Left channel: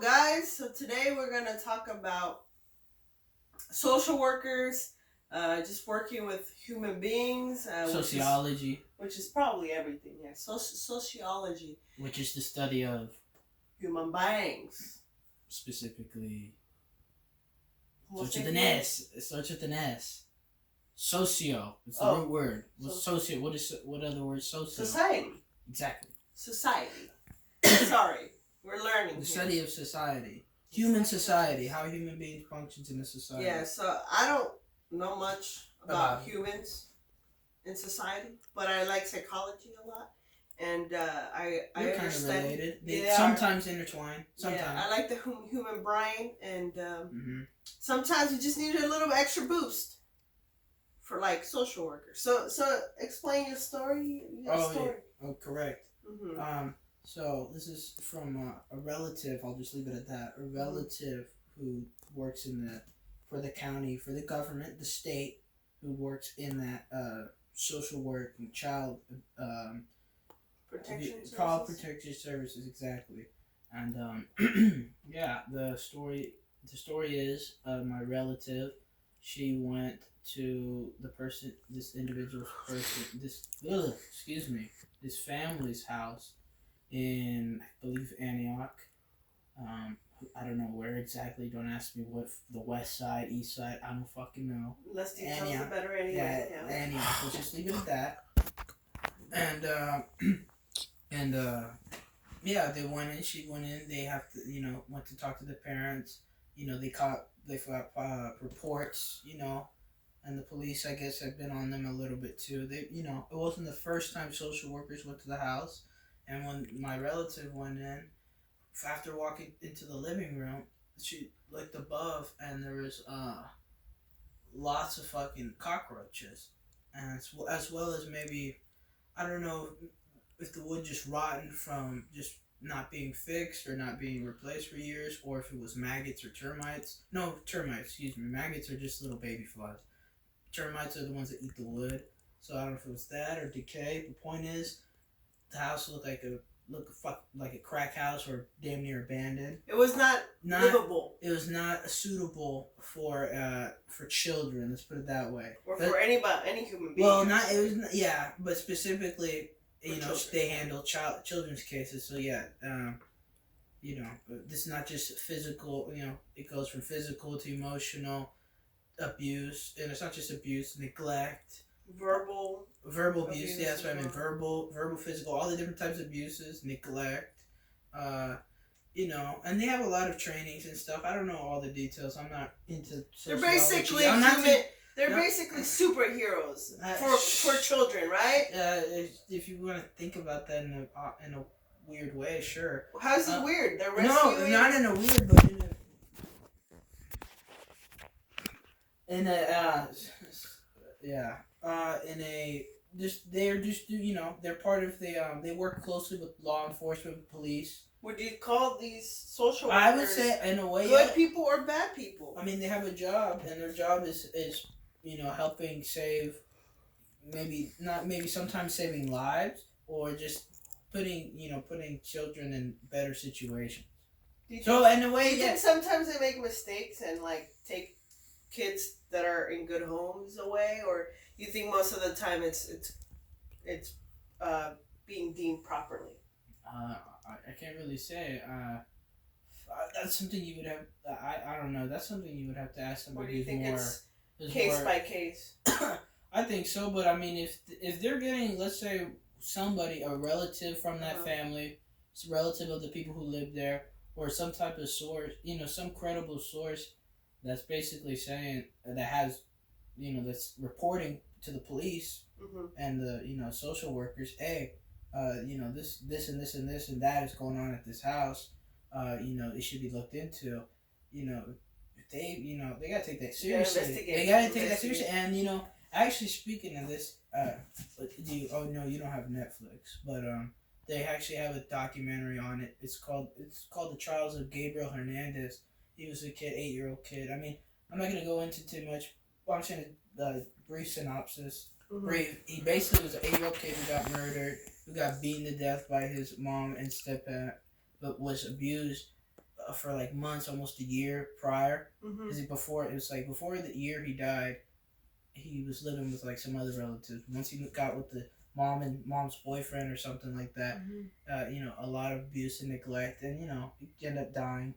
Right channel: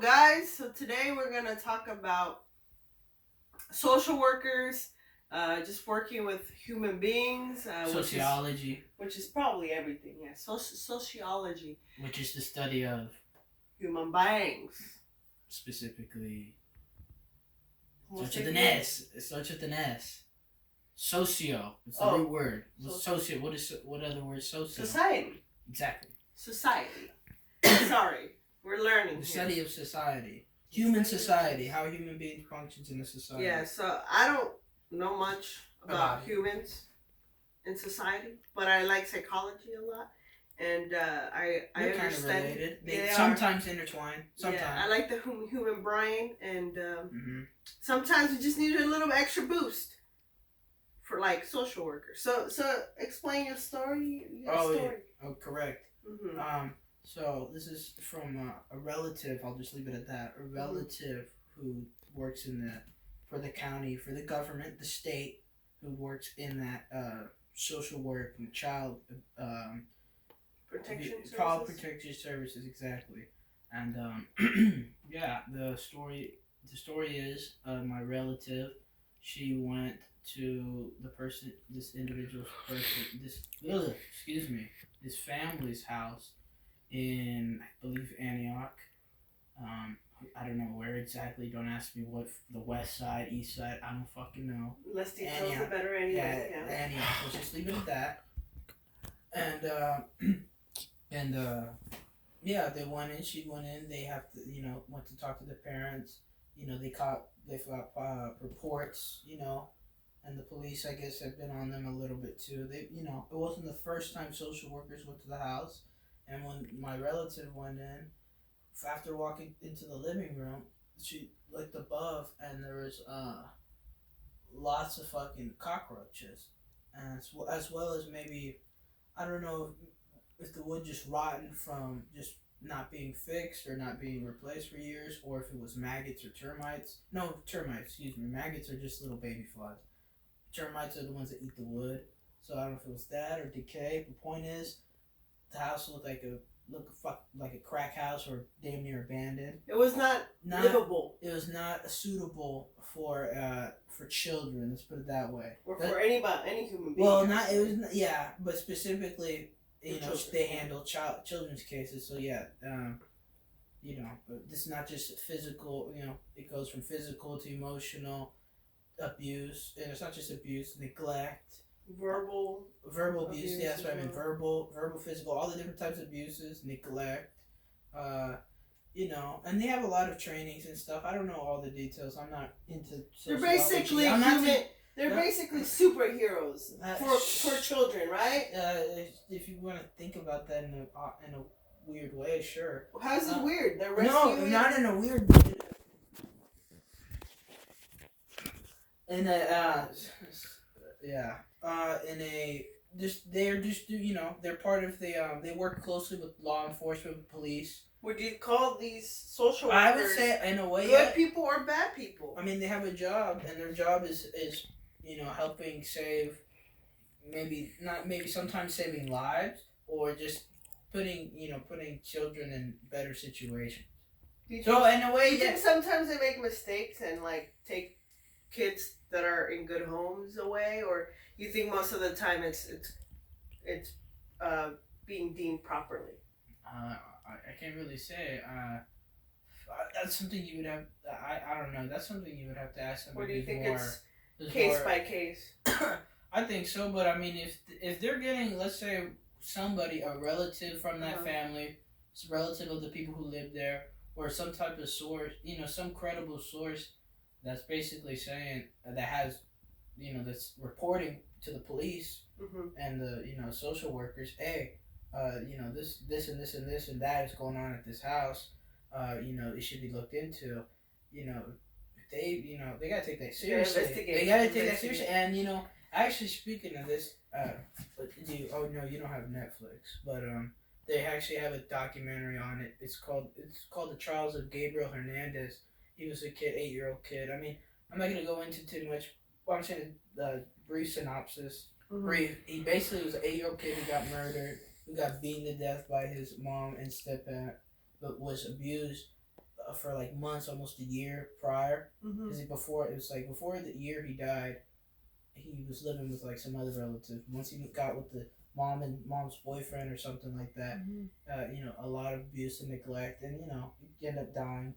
guys. So today we're gonna talk about social workers, just working with human beings, Sociology, which is probably everything. Yeah, sociology, which is the study of human beings. specifically. What's Starts with it an again? S. It starts with an S. Socio. It's the Oh. root word. Socio. What other word? Socio. Society. Exactly. Society. Sorry, we're learning. The here. study of society. Human society. How human beings functions in a society. Yeah. So I don't know much about humans in society, but I like psychology a lot. And I They're kind of understand. related. They sometimes intertwine. Sometimes. Yeah, I like the human brain, and Mm-hmm. sometimes you just need a little extra boost for like social workers. So explain your story. Yeah. Oh, correct. Mm-hmm. So this is from a relative. I'll just leave it at that. A relative who works for the county, for the government, the state, who works in that social work and child protection services, exactly. And yeah, the story is my relative. She went to this family's house in, I believe, Antioch. I don't know where exactly. Don't ask me what the west side, east side. I don't fucking know. Less details the better anyway. Yeah, Antioch. Let's just leave it at that. And yeah, they went in. She went in. They went to talk to the parents. They got reports. And the police, I guess, had been on them a little bit too. It wasn't the first time social workers went to the house. And when my relative went in, after walking into the living room, she looked above, and there was lots of fucking cockroaches, and as well as maybe, I don't know if the wood just rotten from just not being fixed or not being replaced for years, or if it was maggots or termites. No, termites. Excuse me. Maggots are just little baby flies. Termites are the ones that eat the wood. So I don't know if it was that or decay. The point is, the house looked like a crack house or damn near abandoned. It was not livable. It was not suitable for children. Let's put it that way. Or for any human being. Well, but specifically, they handle children's cases. So yeah, this is not just physical. It goes from physical to emotional abuse, and it's not just abuse, neglect. Verbal abuse. Yeah, that's what I mean. Verbal, physical, all the different types of abuses, neglect. And they have a lot of trainings and stuff. I don't know all the details. I'm not into sociology. They're basically superheroes for children, right? If you want to think about that in a weird way, sure. How's it weird? They're rescuing. No, not in a weird way. They're part of they work closely with law enforcement, police. Would you call these social workers? I would say, in a way, good people or bad people? I mean, they have a job, and their job is helping save, sometimes saving lives, or just putting children in better situations. So in a way, do you think sometimes they make mistakes and take kids that are in good homes away, or you think most of the time it's being deemed properly? I can't really say. That's something you would have. I don't know. That's something you would have to ask somebody. Or do you think it's case by case? I think so, but I mean, if they're getting, let's say, a relative from that family, a relative of the people who live there, or some type of source, some credible source, that's basically saying that has, that's reporting to the police and the social workers, hey, this and this and this and that is going on at this house. It should be looked into. They gotta take that seriously. And actually, speaking of this, you don't have Netflix, but they actually have a documentary on it. It's called The Trials of Gabriel Hernandez. He was a 8-year-old kid. I mean, I'm not gonna go into too much. But I'm saying the brief synopsis. Brief. He basically was an 8-year-old kid who got murdered, who got beaten to death by his mom and stepdad, but was abused for like months, almost a year prior. Mm-hmm. Because before the year he died, he was living with like some other relatives. Once he got with the mom's boyfriend or something like that, a lot of abuse and neglect, and he ended up dying.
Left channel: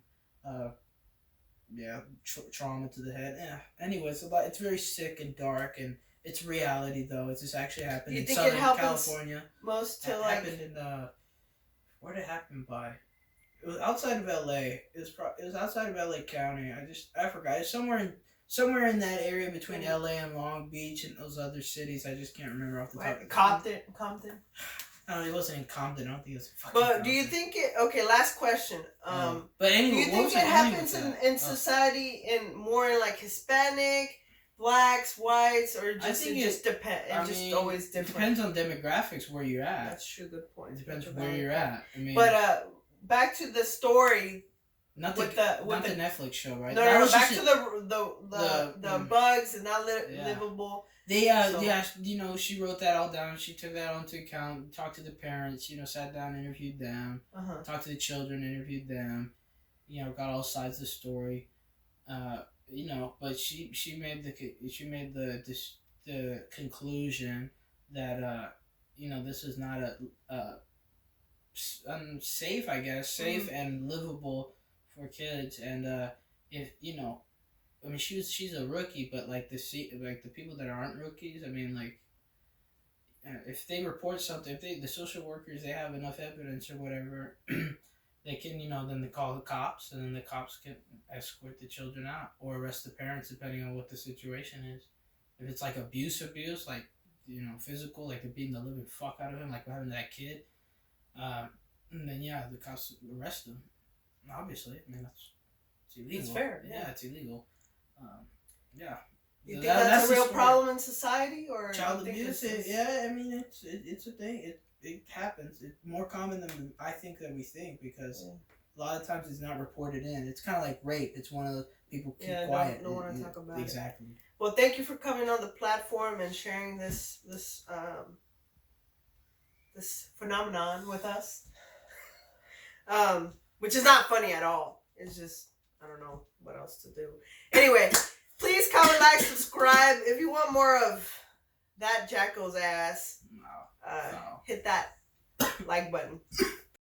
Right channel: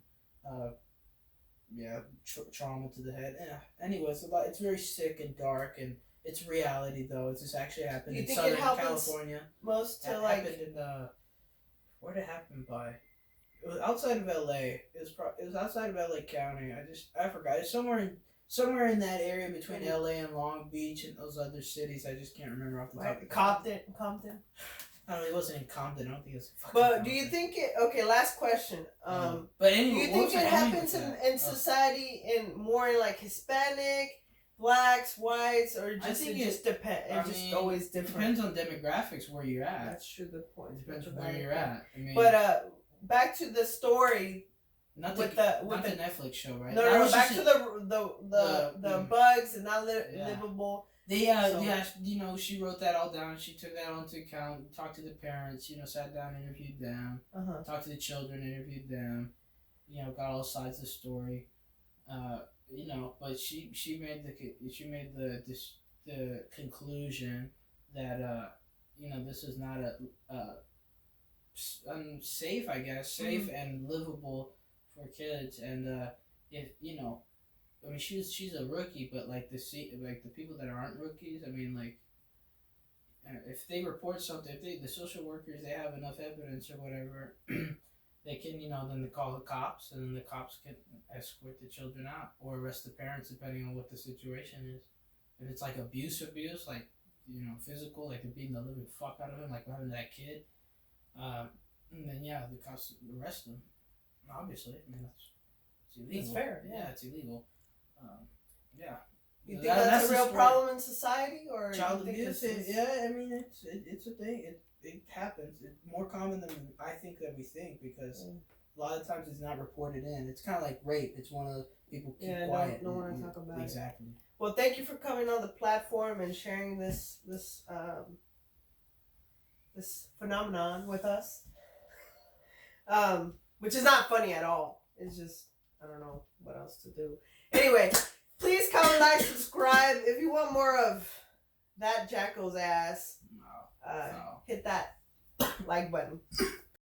Trauma to the head. Anyways, it's very sick and dark, and it's reality though. It just actually happened in Southern California. Most to happened in where did it happen by? It was outside of L.A. It was outside of L.A. County. I forgot. It's somewhere in that area between L.A. and Long Beach and those other cities. I just can't remember off the top. Compton. I don't know. It wasn't in Compton. I don't think it was. But Compton. do you think it? Okay, last question. But anyway, do you think it happens in society more in like Hispanic, blacks, whites, or just it just depends? It just always different. Depends on demographics where you're at. That's true. Good point. It depends where you're at. I mean, but back to the story. Not the Netflix show, right? No, back to the bugs and not livable. She wrote that all down. She took that onto account. Talked to the parents. Sat down, interviewed them. Talked to the children, interviewed them. Got all sides of the story. But she made the conclusion that this is not a unsafe, I guess, safe and livable for kids, and if I mean, she's a rookie, but the people that aren't rookies, I mean, if they report something, if the social workers, they have enough evidence or whatever, they can then they call the cops, and then the cops can escort the children out or arrest the parents depending on what the situation is. If it's like abuse, like physical, like they're beating the living fuck out of him, like what happened to that kid, and then the cops arrest them. Obviously, I mean it's illegal. It's fair. Yeah, it's illegal. You think that's a real problem in society, or child abuse? I mean, it's a thing. It happens. It's more common than I think that we think, because a lot of times it's not reported in. It's kind of like rape. It's one of those people keep quiet. Don't want to talk about it. Exactly. Well, thank you for coming on the platform and sharing this phenomenon with us. Which is not funny at all. It's just, I don't know what else to do. Anyway, please comment, like, subscribe. If you want more of that Jacko's ass, hit that like button.